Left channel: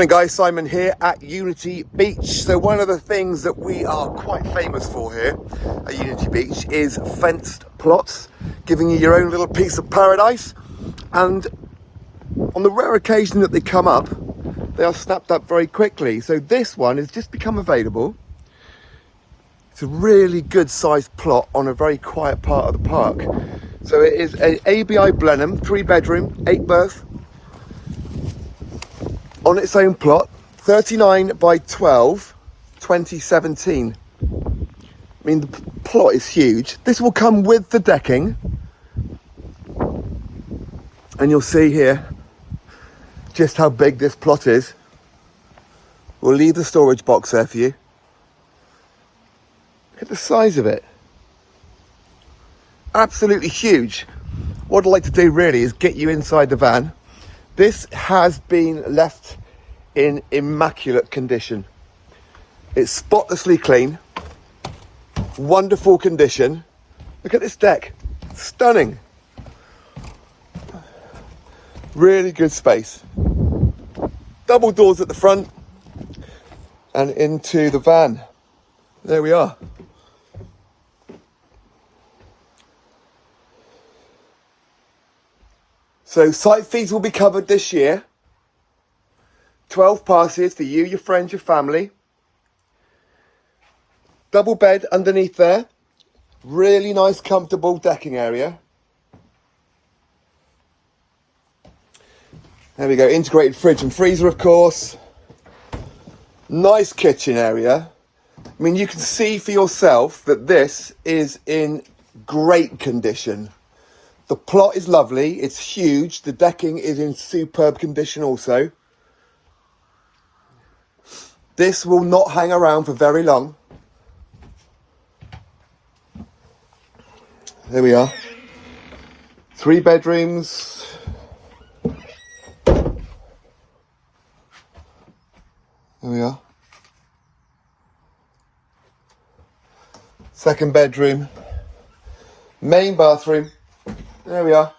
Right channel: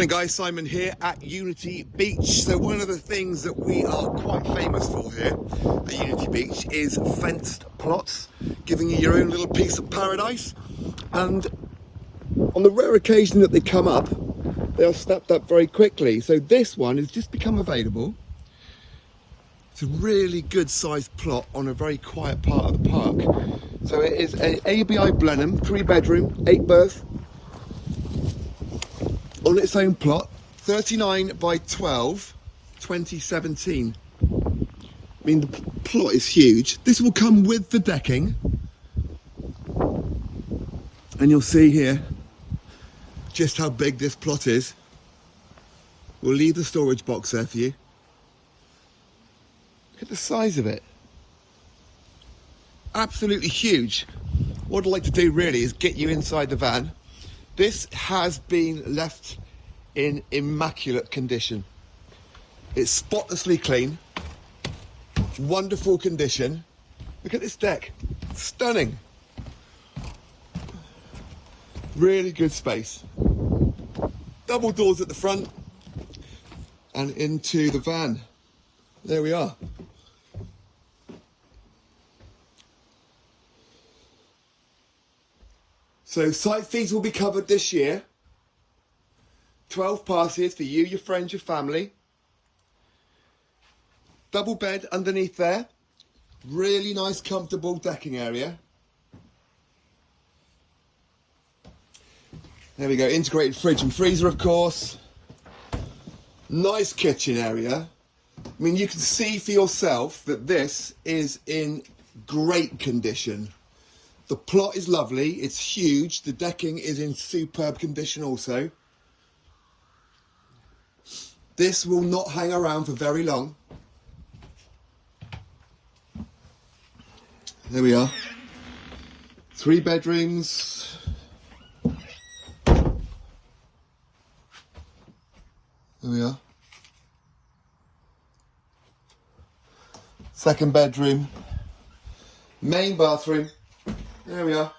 Hey guys, Simon here at Unity Beach. So one of the things that we are quite famous for here at Unity Beach is fenced plots, giving you your own little piece of paradise. And on the rare occasion that they come up, they are snapped up very quickly. So this one has just become available. It's a really good sized plot on a very quiet part of the park. So it is an ABI Blenheim, 3-bedroom, 8-berth, on its own plot, 39 by 12, 2017. I mean, the plot is huge. This will come with the decking. And you'll see here just how big this plot is. We'll leave the storage box there for you. Look at the size of it. Absolutely huge. What I'd like to do really is get you inside the van. This has been left in immaculate condition. It's spotlessly clean, wonderful condition. Look at this deck, stunning. Really good space. Double doors at the front and into the van. There we are. So site feeds will be covered this year. 12 passes for you, your friends, your family. Double bed underneath there. Really nice, comfortable decking area. There we go, integrated fridge and freezer, of course. Nice kitchen area. I mean, you can see for yourself that this is in great condition. The plot is lovely, it's huge, the decking is in superb condition also. This will not hang around for very long. There we are. 3 bedrooms. There we are. 2nd bedroom. Main bathroom. There we are.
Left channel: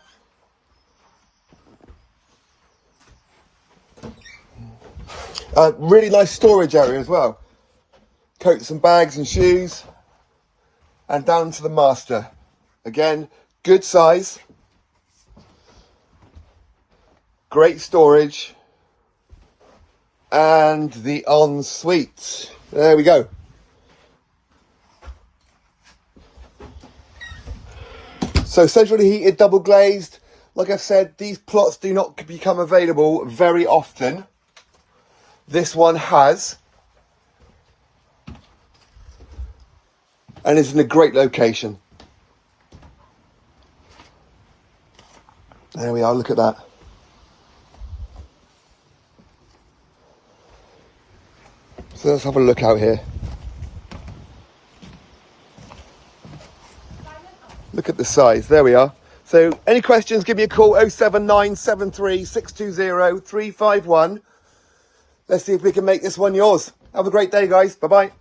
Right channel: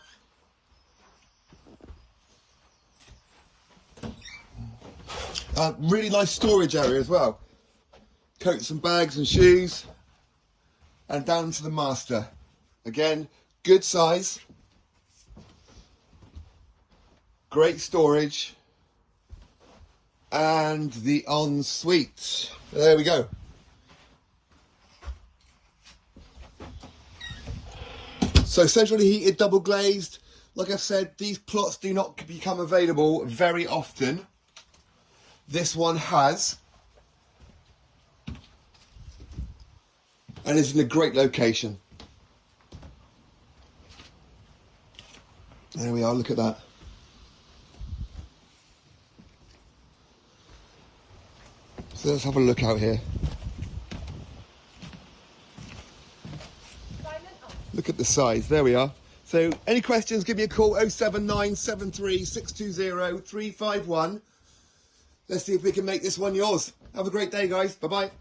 Really nice storage area as well. Coats and bags and shoes. And down to the master. Again, good size. Great storage. And the ensuite. There we go. So centrally heated, double glazed. Like I said, these plots do not become available very often. This one has. And is in a great location. There we are, look at that. So let's have a look out here. Look at the size, there we are. So any questions, give me a call, 07973 620 351. Let's see if we can make this one yours. Have a great day, guys. Bye-bye.